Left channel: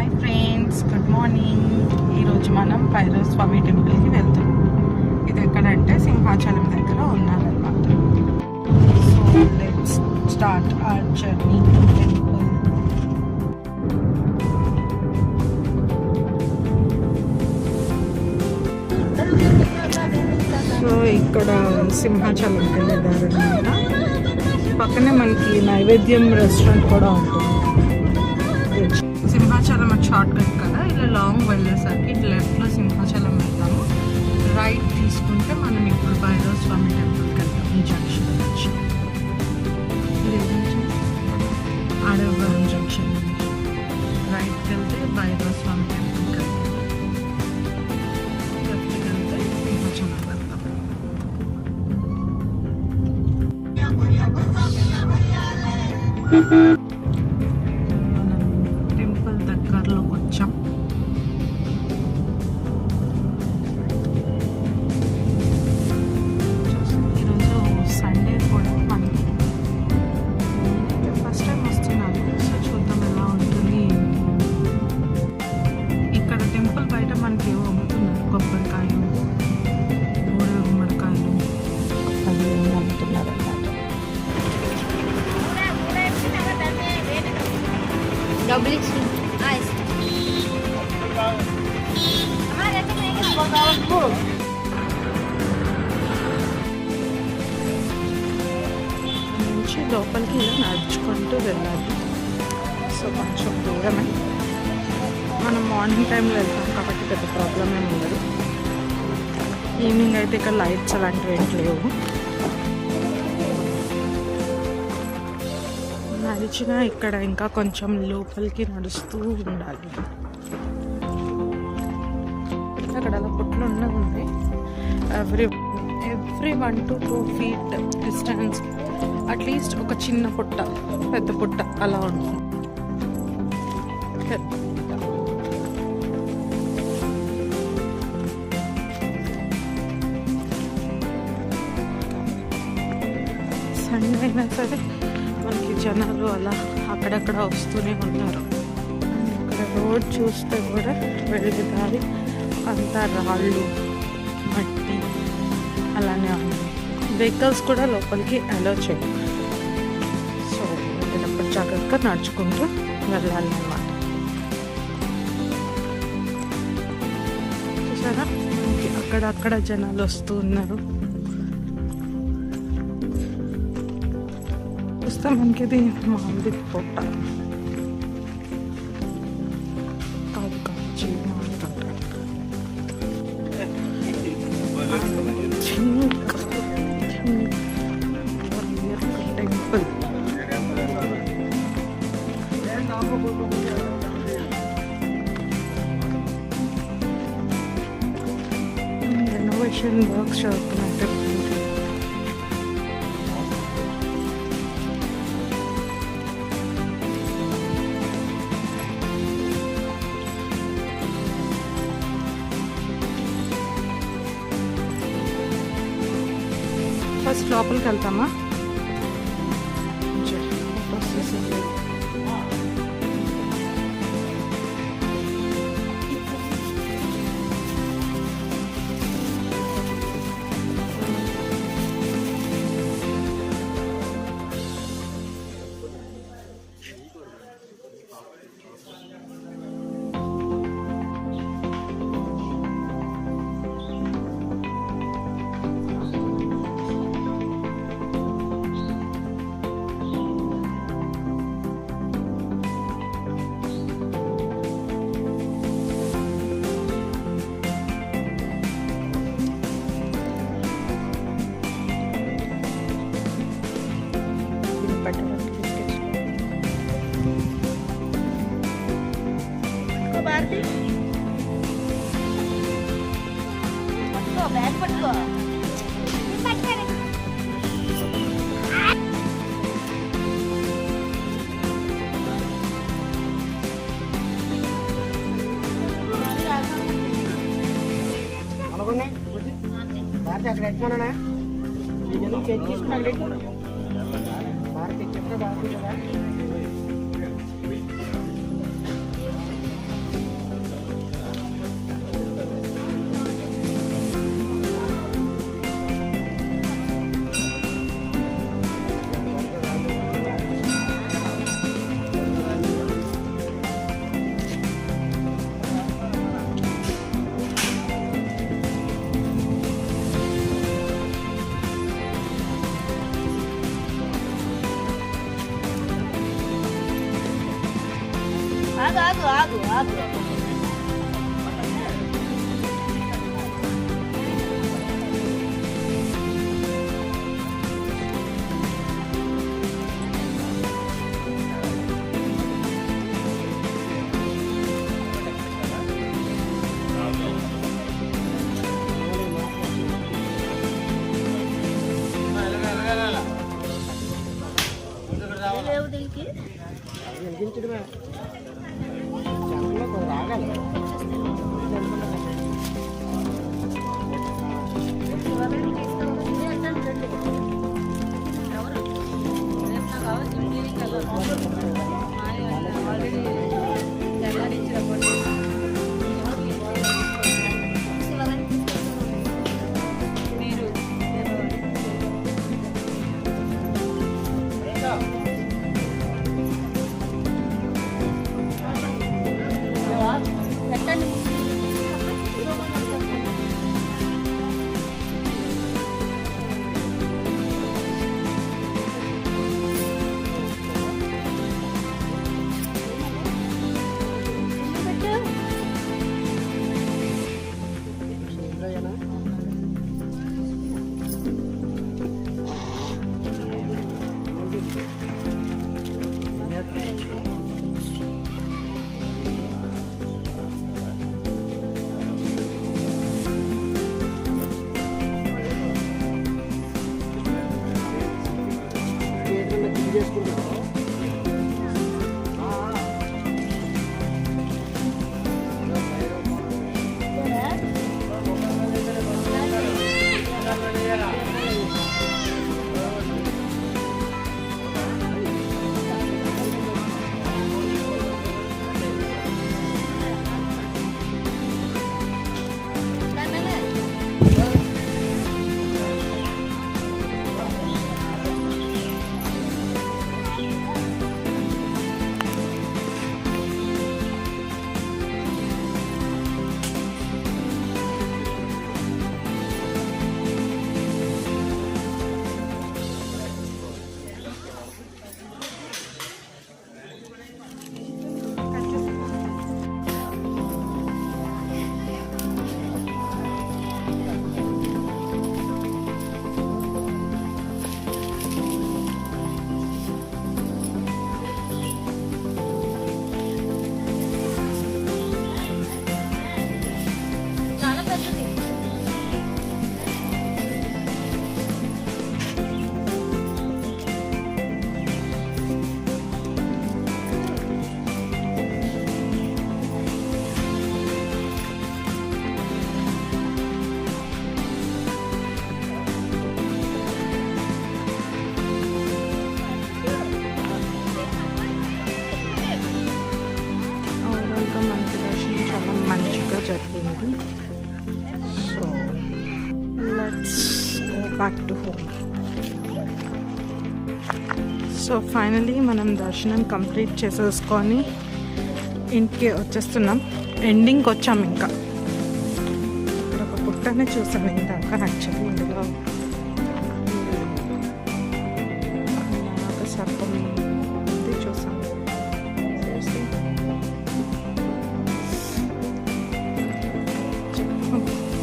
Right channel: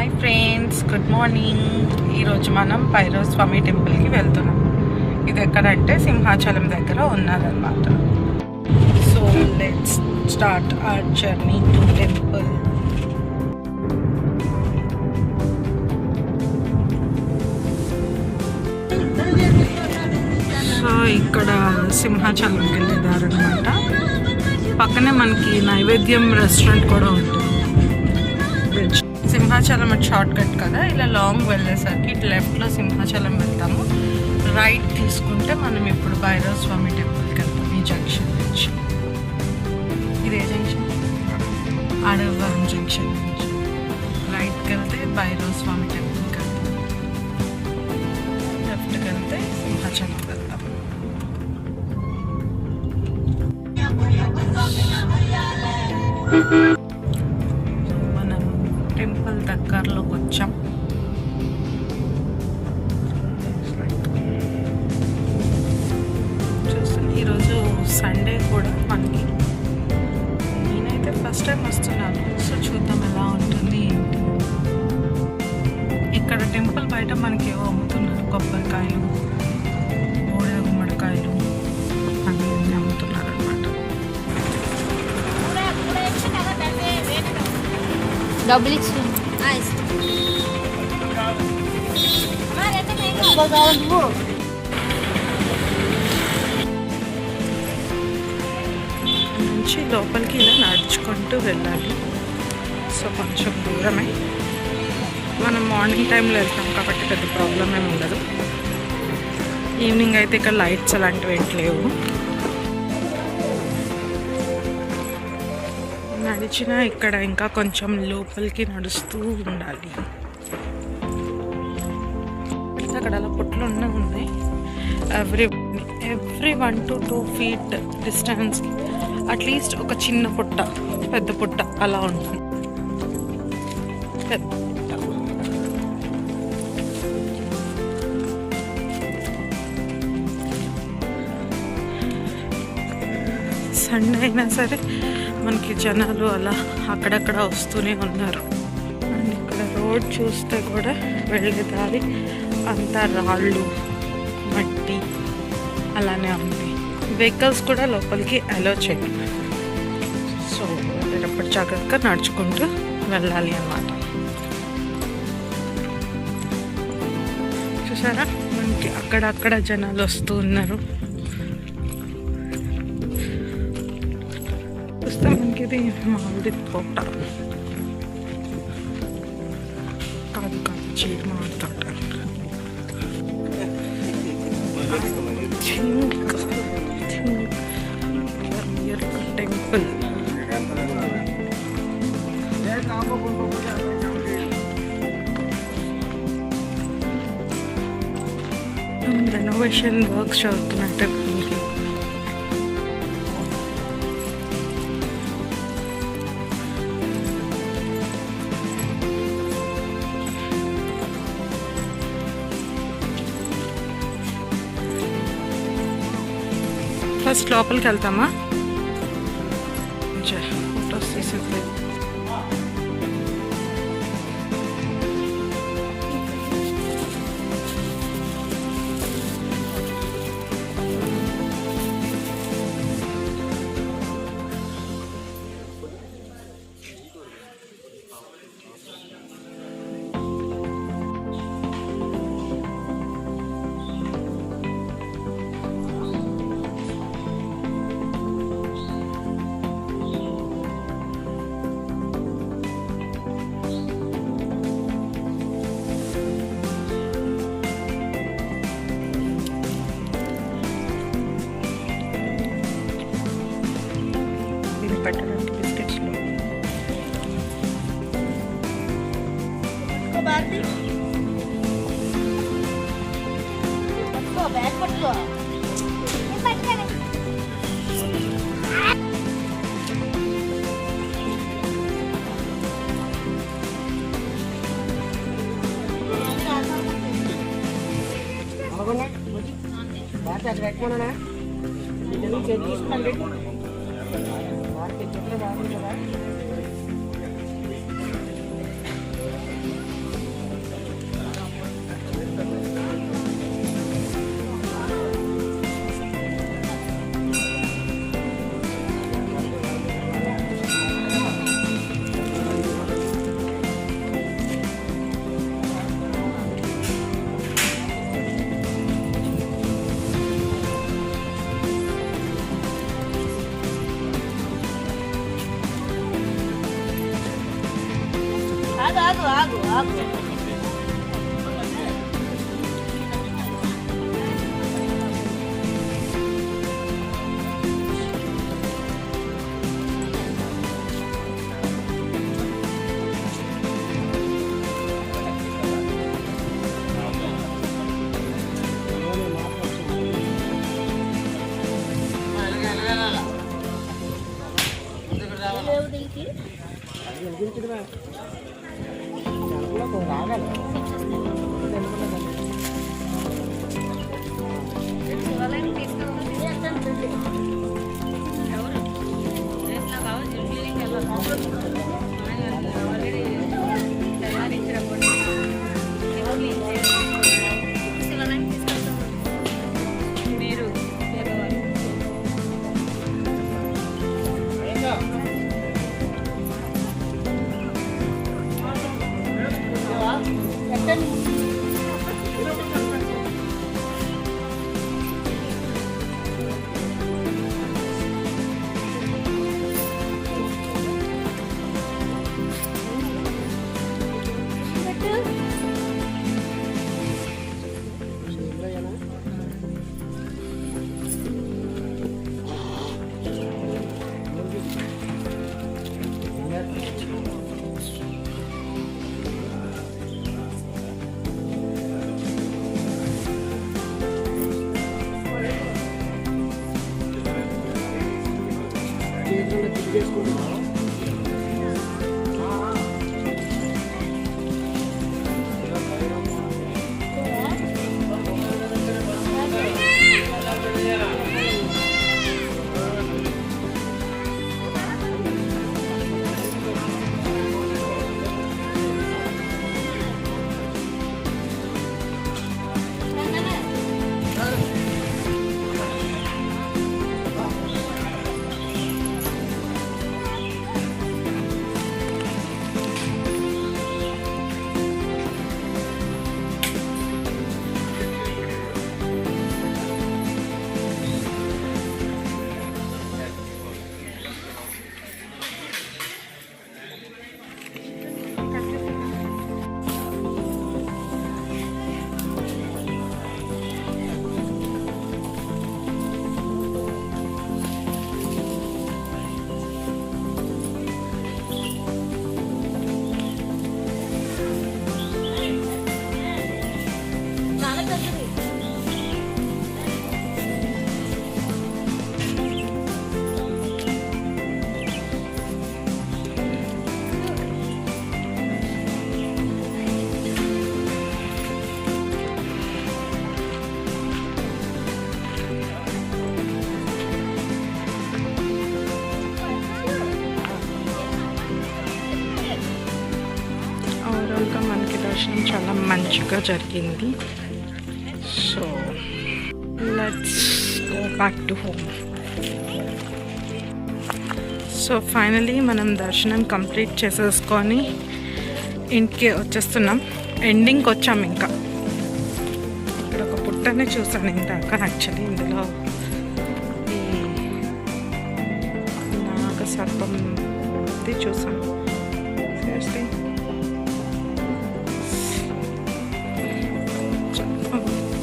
Hi friends, good morning. ఈరోజు మనం భైరవ స్వామి టెంపుల్కి వెళ్తున్నాం. ఇది ఎక్కడంటే సింహాచలం దగ్గర ఉన్నదన్నమాట. So let's start our journey to temple. సో ఇక్కడ సింహాచలంకి వెళ్ళేదారనమాట. పక్కనే మనకి నైవేద్యం రెస్టారెంట్ కూడా ఉంటుంది. సింహాచలం అటు షార్ట్ కట్ కదా, ఇలా లాంగ్ వెళ్ళేసరికి ఇటు లెఫ్ట్లో సింహాచలం వెళ్తాము. రైట్ తీసుకుంటే మనం ఇప్పుడు భైరవ స్వామి టెంపుల్కి వెళ్తాం. ఈ జంక్షన్ నుంచి, ఇదే జంక్షన్, అడవరం జంక్షన్ నుంచి రైట్కి వెళ్తే భైరవ స్వామి టెంపుల్కి వెళ్తాం. లెఫ్ట్కి వెళ్తే సింహాచలం వెళ్తాం. మనం టెంపుల్ దగ్గరలోకి వచ్చాం. ఈరోజు సండే కూడా మనకి. నేనైతే ఫస్ట్ టైం వస్తున్నాను, సో చూద్దాం ఎలా ఉంటుంది ఏంటి. ఇక్కడ టెంపుల్ బయట మనకి ఏవో అమ్ముతున్నారు, కొబ్బరికాయలు, బూడిద గుమ్మడికాయలు, అది ఏమి అమ్ముతున్నారు అనమాట. నుంచి లోపలికి ఇలా నడుచుకుంటూ వెళ్ళాలి. సో కొంచెం దూరమే. మనం మార్నింగ్ టైంలో వెళ్తాం కాబట్టి పెద్ద ప్రాబ్లం ఏమి ఉండదు. ఈవినింగ్ అయితే ఇక్కడ లైట్స్ అలాంటివి ఏంటి లేవు. నడిచిన ఇక్కడ ఇంకా కొంచెం లోపలికి నడుస్తూ ఉండాలి. అక్కడ అలా పుట్లు ఉన్నాయి. Every 1 to 2 feet distance at least ఒక చిన్న పుట్ట, పెద్ద పుట్ట అలా ఉంటుంది. సండే అయినా సరే మనకి జనాలు అలా అక్కడక్కడ వస్తూనే ఉన్నారు. అండ్ ఇక్కడ రోడ్ చూస్తే కూడా వెళ్ళే దారి అంతా రాళ్ళు, మట్టి అలానే ఉంది. వెహికల్స్ కూడా లోపలికి అలో చేయరు. సో వెళ్ళేటప్పుడు జాగ్రత్తగా నడుచుకుంటూ వెళ్ళాలి అన్నమాట. చూసారా, మనకి అక్కడక్కడ జనాలు వస్తూ ఉన్నారు. చూస్తే మనకి ఇది మామిడి తోట కాదు, చీడ మామిడి తోట. టెంపుల్ రెనోవేషన్ వర్క్స్ చదువుతున్నాయి టెంపుల్కి. ఫస్ట్ లోపలికి వెళ్తామా, ఫోటోస్ తీసింది. పెట్టడానికి బిస్కెట్స్లో మార్కెట్ ఎప్పుడు బాగుంది కదా. ఆగు ఆగు ఆగు ఆగు. లేవు దీనికి ఓవరాల్గా మనకి దర్శనం చాలా మంచిగా జరిగింది. So let's go back to home. So finally మనం దర్శనం కంప్లీట్ చేసేసుకొని ఇంటికి వచ్చేస్తున్నాం. ఎండింగ్కి వచ్చాం. ఇంకా ఇక్కడ ఒక పుట్టనే చూసాను ఇందాక. యాక్చువల్లీ ఇందులో ఈ నాగ సర్పం ఇది చూసాం. సీరియస్లీ